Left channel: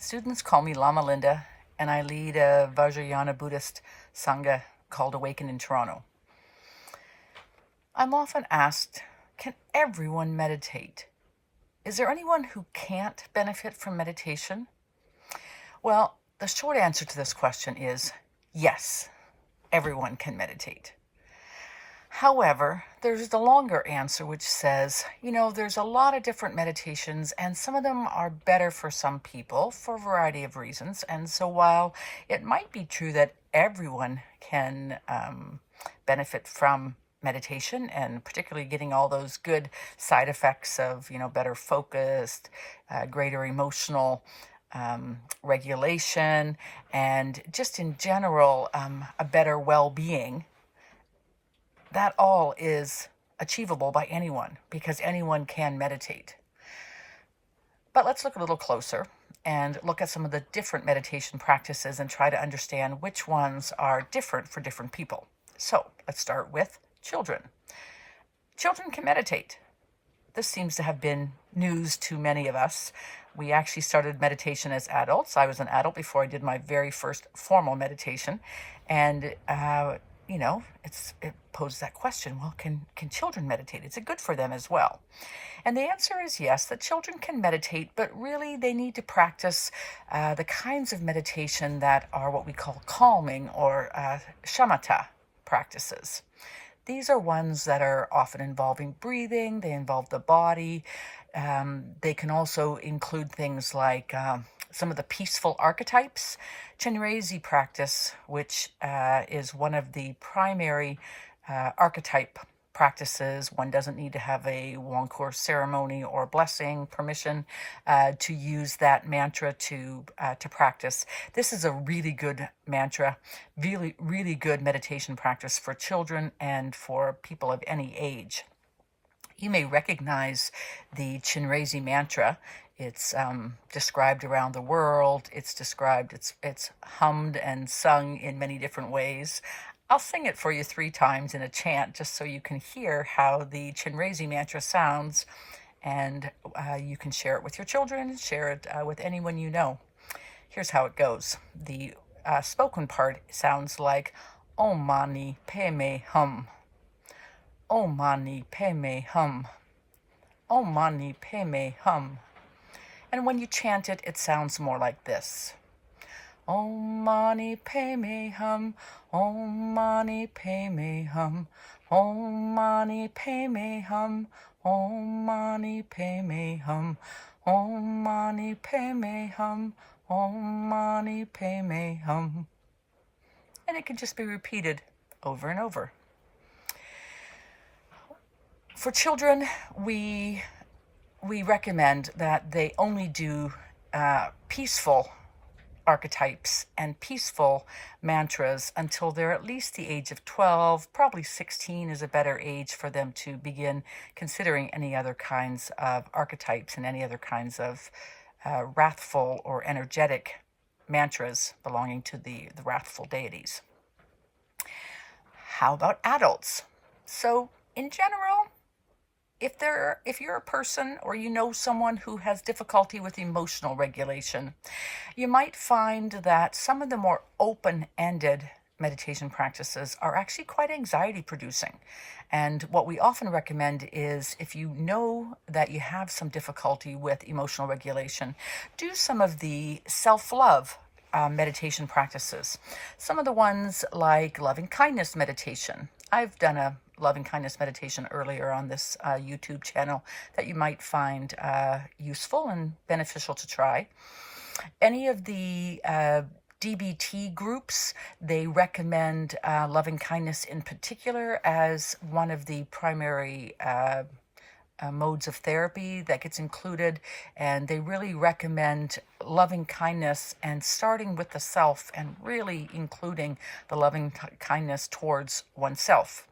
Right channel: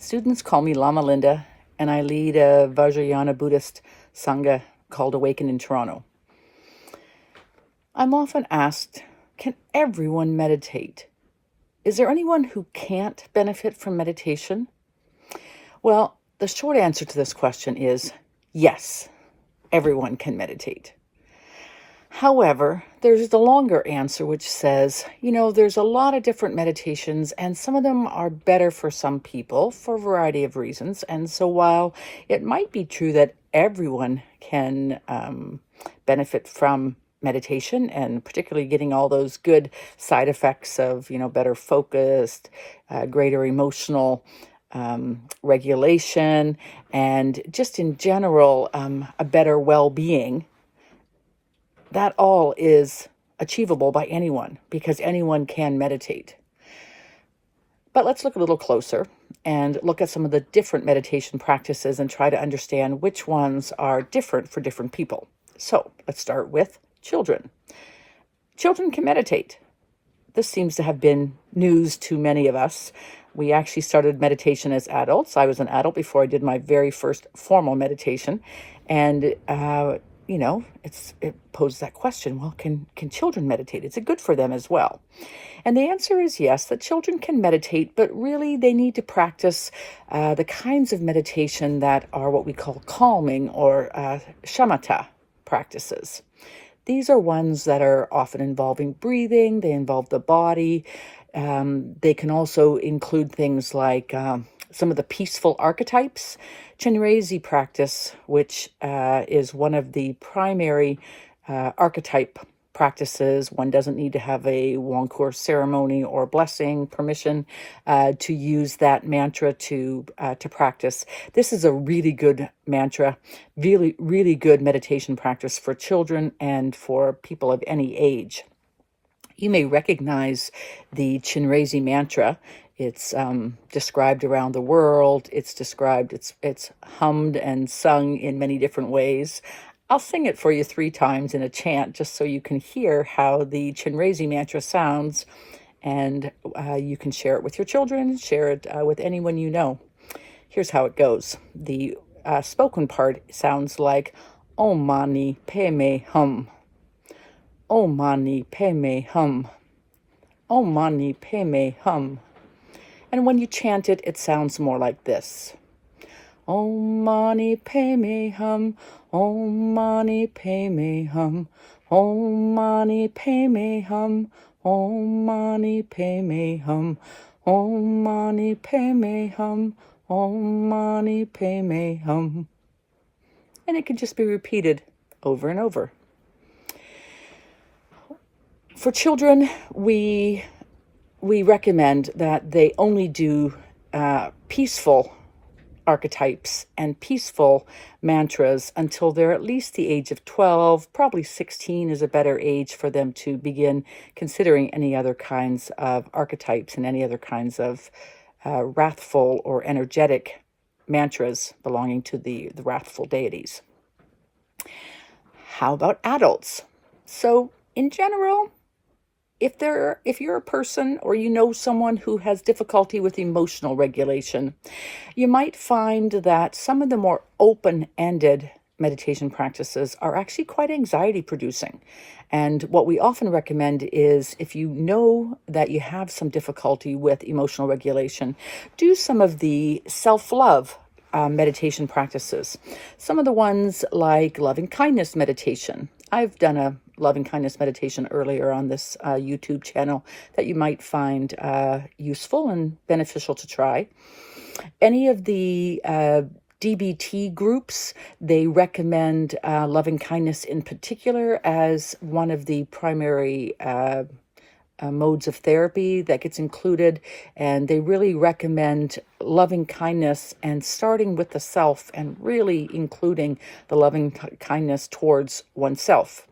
Students call me Lama Linda, and I lead a Vajrayana Buddhist Sangha called Awaken in Toronto. I'm often asked, can everyone meditate? Is there anyone who can't benefit from meditation? Well, the short answer to this question is yes, everyone can meditate. However, there's the longer answer, which says, there's a lot of different meditations, and some of them are better for some people for a variety of reasons. And so while it might be true that everyone can benefit from meditation, and particularly getting all those good side effects of, better focused, greater emotional regulation, and just in general, a better well-being, that all is achievable by anyone because anyone can meditate. But let's look a little closer and look at some of the different meditation practices and try to understand which ones are different for different people. So let's start with children. Children can meditate. This seems to have been news to many of us. We actually started meditation as adults. I was an adult before I did my very first formal meditation. And it poses that question, well, can children meditate? Is it good for them as well? And the answer is yes, that children can meditate, but really they need to practice the kinds of meditation that are what we call calming or shamatha practices. These are ones that are often involving breathing, they involve the body. They can also include things like some of the peaceful archetypes. Chinrezi practice, which is one of the primary archetype practices. One doesn't need to have a Wangkur ceremony or blessing, permission to use that mantra to practice. This is a really good mantra, really, really good meditation practice for children and for people of any age. You may recognize the Chinrezi mantra. It's described around the world. It's described, it's hummed and sung in many different ways. I'll sing it for you 3 times in a chant just so you can hear how the Chinrezi mantra sounds, and you can share it with your children, share it with anyone you know. Here's how it goes. The spoken part sounds like Om Mani Padme Hum. Om Mani Padme Hum. Om Mani Padme Hum. And when you chant it, it sounds more like this. Om Mani Padme Hum, Om Mani Padme Hum, Om Mani Padme Hum, Om Mani Padme Hum, Om Mani Padme Hum, Om Mani Padme Hum. And it can just be repeated over and over. For children, we recommend that they only do peaceful archetypes and peaceful mantras until they're at least the age of 12. Probably 16 is a better age for them to begin considering any other kinds of archetypes and any other kinds of wrathful or energetic mantras belonging to the wrathful deities. How about adults? So in general, if you're a person or you know someone who has difficulty with emotional regulation, you might find that some of the more open-ended meditation practices are actually quite anxiety producing. And what we often recommend is, if you know that you have some difficulty with emotional regulation, do some of the self-love meditation practices. Some of the ones like loving kindness meditation. I've done a loving kindness meditation earlier on this YouTube channel that you might find useful and beneficial to try. Any of the DBT groups, they recommend loving kindness in particular as one of the primary modes of therapy that gets included, and they really recommend loving kindness and starting with the self and really including the loving kindness towards oneself.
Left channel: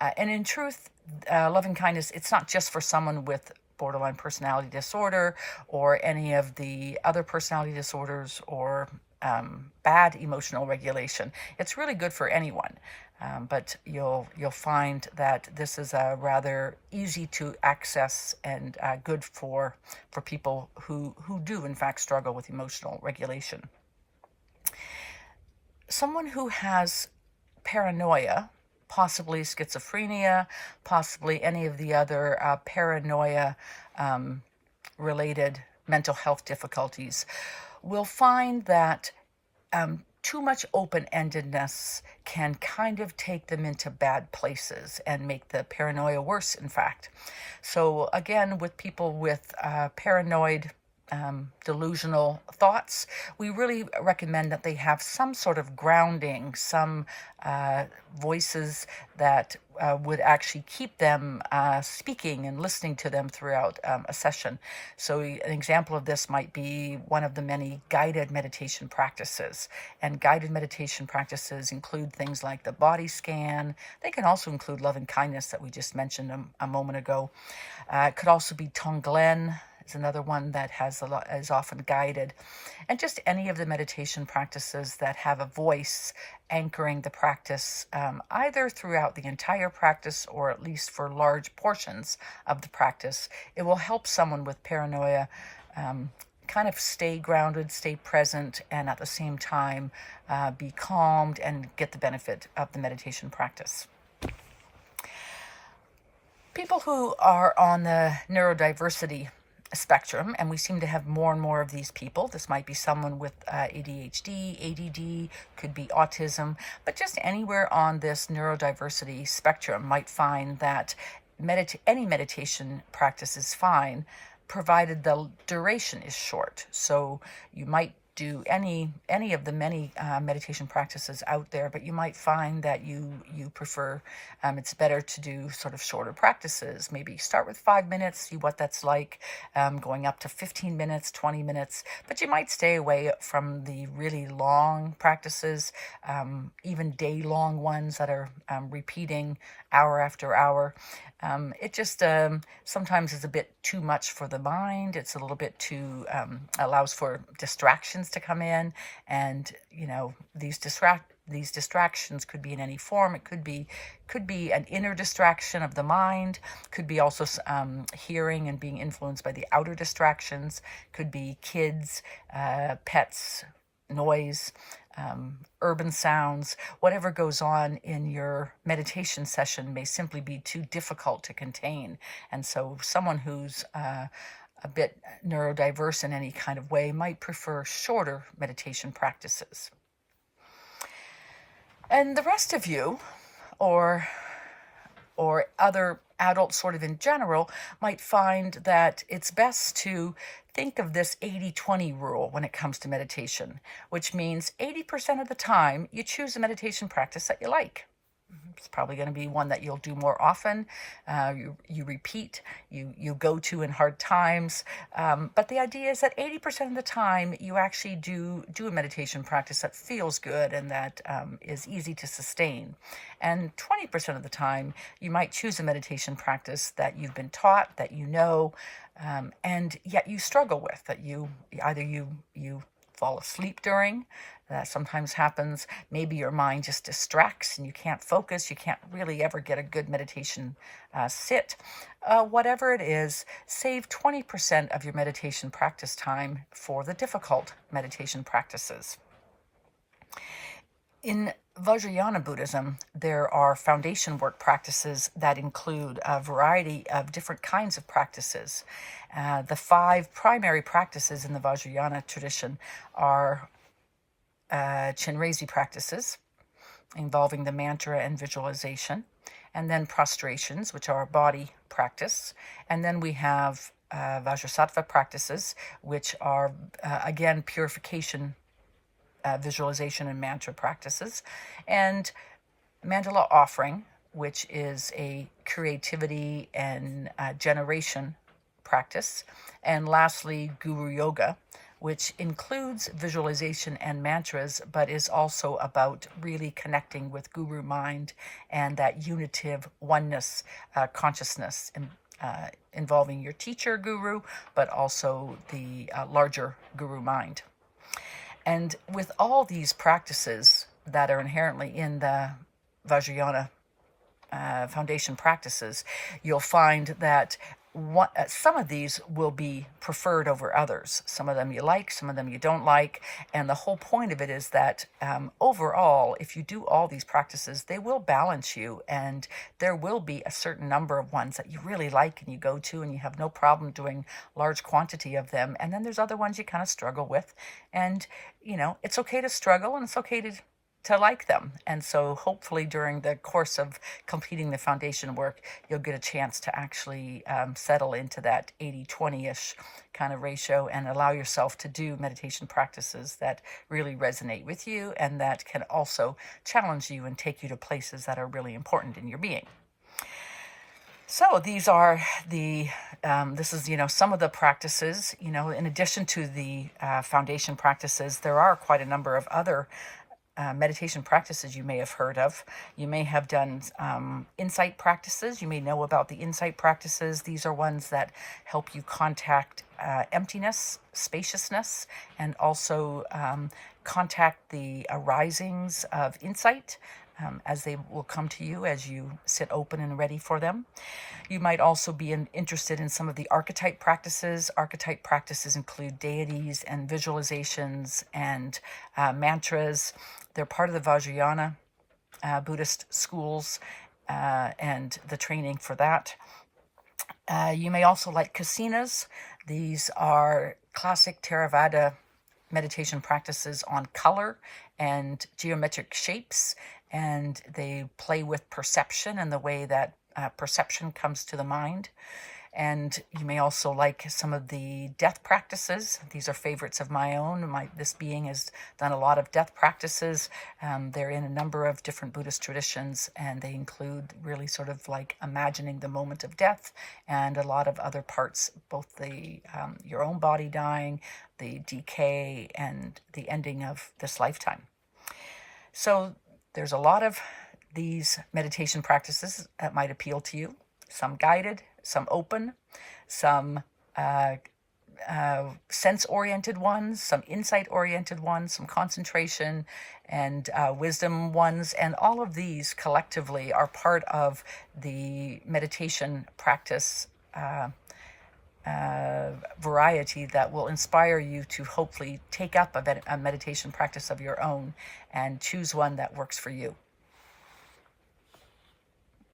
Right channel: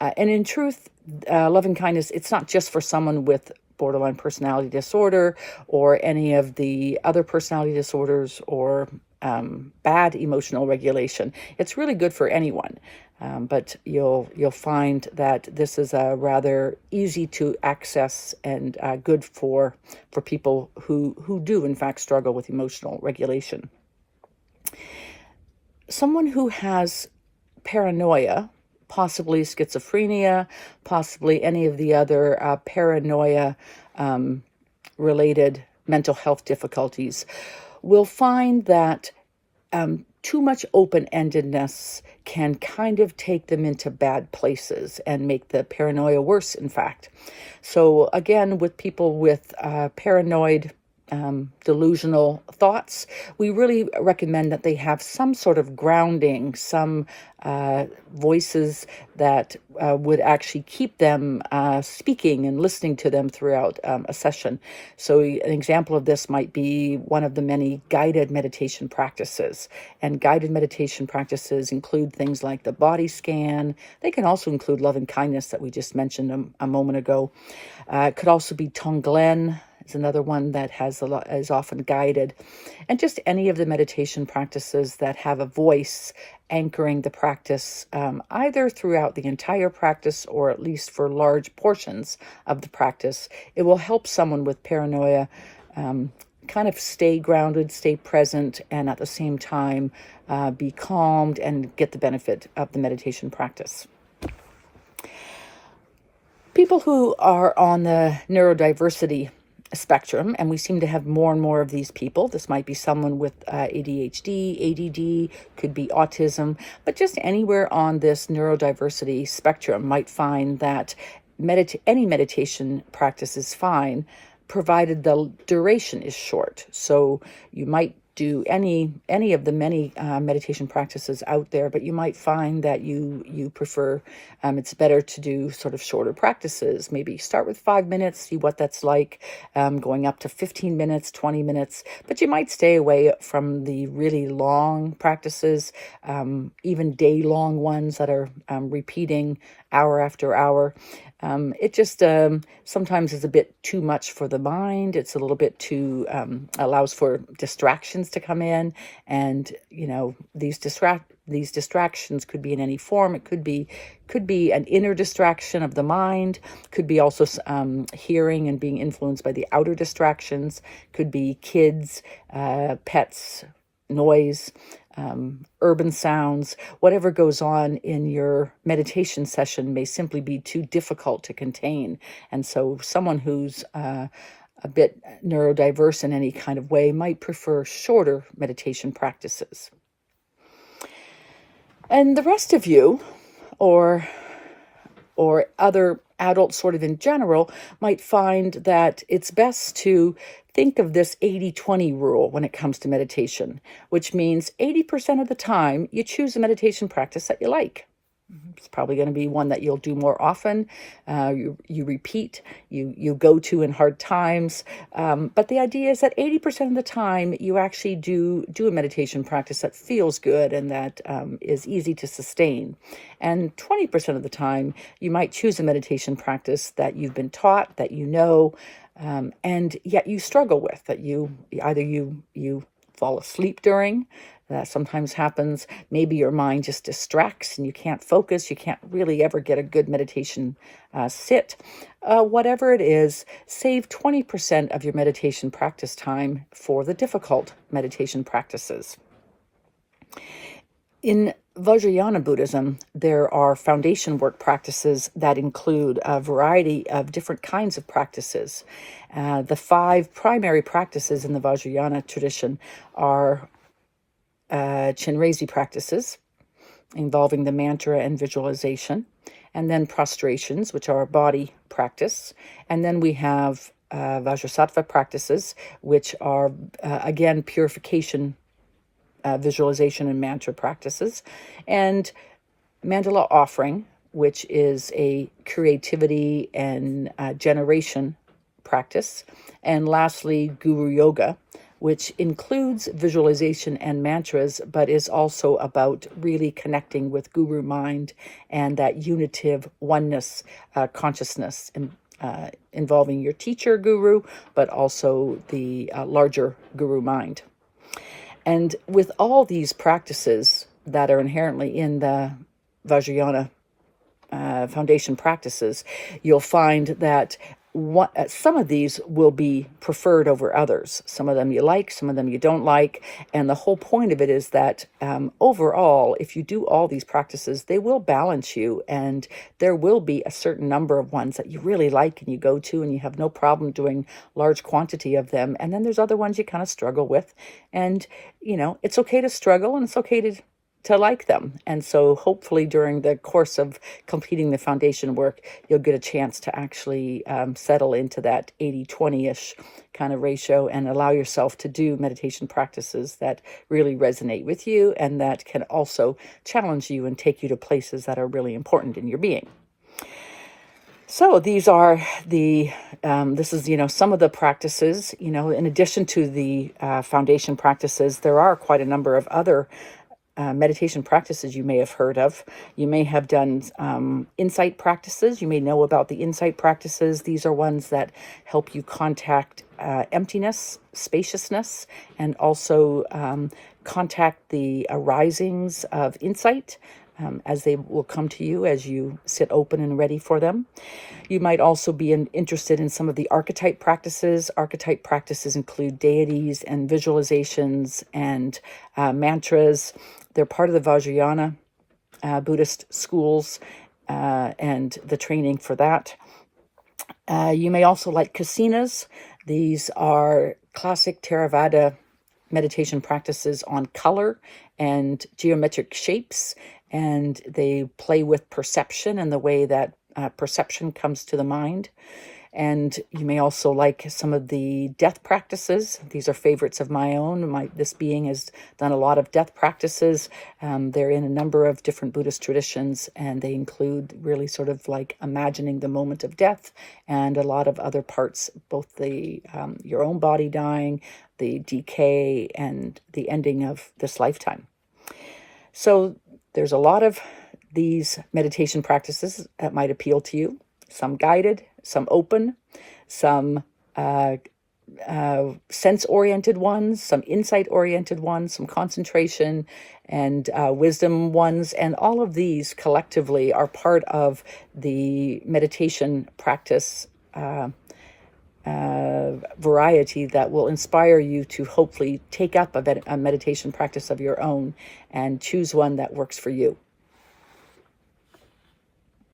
And in truth, loving kindness, it's not just for someone with borderline personality disorder or any of the other personality disorders or bad emotional regulation. It's really good for anyone. But you'll find that this is a rather easy to access and good for people who do in fact struggle with emotional regulation. Someone who has paranoia, possibly schizophrenia, possibly any of the other paranoia related mental health difficulties, will find that too much open-endedness can kind of take them into bad places and make the paranoia worse, in fact. So again, with people with paranoid delusional thoughts, we really recommend that they have some sort of grounding, some voices that would actually keep them speaking and listening to them throughout a session. So an example of this might be one of the many guided meditation practices. And guided meditation practices include things like the body scan. They can also include loving kindness that we just mentioned a moment ago. It could also be Tonglen. It's another one that is often guided, and just any of the meditation practices that have a voice anchoring the practice, either throughout the entire practice or at least for large portions of the practice. It will help someone with paranoia kind of stay grounded, stay present, and at the same time be calmed and get the benefit of the meditation practice. People who are on the neurodiversity spectrum, and we seem to have more and more of these people. This might be someone with ADHD, ADD, could be autism, but just anywhere on this neurodiversity spectrum might find that any meditation practice is fine, provided the duration is short. So you might do any of the many meditation practices out there, but you might find that you prefer, it's better to do sort of shorter practices. Maybe start with 5 minutes, see what that's like, going up to 15 minutes, 20 minutes, but you might stay away from the really long practices, even day-long ones that are repeating hour after hour. It just sometimes is a bit too much for the mind. It's a little bit too, allows for distractions to come in. And, these distractions could be in any form. It could be an inner distraction of the mind, could be also hearing and being influenced by the outer distractions, could be kids, pets, noise, urban sounds. Whatever goes on in your meditation session may simply be too difficult to contain. And so someone who's a bit neurodiverse in any kind of way might prefer shorter meditation practices. And the rest of you, or other adults sort of in general, might find that it's best to think of this 80-20 rule when it comes to meditation, which means 80% of the time you choose a meditation practice that you like. It's probably going to be one that you'll do more often, you repeat, you go to in hard times. But the idea is that 80% of the time you actually do a meditation practice that feels good and that is easy to sustain. And 20% of the time you might choose a meditation practice that you've been taught, that you know, and yet you struggle with, that you fall asleep during. That sometimes happens. Maybe your mind just distracts and you can't focus. You can't really ever get a good meditation sit. Whatever it is, save 20% of your meditation practice time for the difficult meditation practices. In Vajrayana Buddhism, there are foundation work practices that include a variety of different kinds of practices. The 5 primary practices in the Vajrayana tradition are Chenrezig practices involving the mantra and visualization, and then prostrations, which are a body practice. And then we have Vajrasattva practices, which are, again, purification, visualization and mantra practices, and mandala offering, which is a creativity and generation practice. And lastly, guru yoga, which includes visualization and mantras, but is also about really connecting with guru mind and that unitive oneness consciousness involving your teacher guru, but also the larger guru mind. And with all these practices that are inherently in the Vajrayana foundation practices, you'll find that some of these will be preferred over others. Some of them you like, some of them you don't like. And the whole point of it is that overall, if you do all these practices, they will balance you. And there will be a certain number of ones that you really like and you go to and you have no problem doing large quantity of them. And then there's other ones you kind of struggle with. And, it's okay to struggle and it's okay to like them. And so hopefully during the course of completing the foundation work, you'll get a chance to actually settle into that 80-20-ish kind of ratio and allow yourself to do meditation practices that really resonate with you and that can also challenge you and take you to places that are really important in your being. So these are this is, some of the practices, in addition to the foundation practices, there are quite a number of other meditation practices you may have heard of. You may have done insight practices. You may know about the insight practices. These are ones that help you contact emptiness, spaciousness, and also contact the arisings of insight as they will come to you as you sit open and ready for them. You might also be interested in some of the archetype practices. Archetype practices include deities and visualizations and mantras. They're part of the Vajrayana Buddhist schools and the training for that. You may also like kasinas. These are classic Theravada meditation practices on color and geometric shapes, and they play with perception and the way that perception comes to the mind. And you may also like some of the death practices. These are favorites of my own. This being has done a lot of death practices. They're in a number of different Buddhist traditions, and they include really sort of like imagining the moment of death and a lot of other parts, both the your own body dying, the decay, and the ending of this lifetime. So there's a lot of these meditation practices that might appeal to you. Some guided, some open, some sense-oriented ones, some insight-oriented ones, some concentration and wisdom ones. And all of these collectively are part of the meditation practice variety that will inspire you to hopefully take up a meditation practice of your own and choose one that works for you.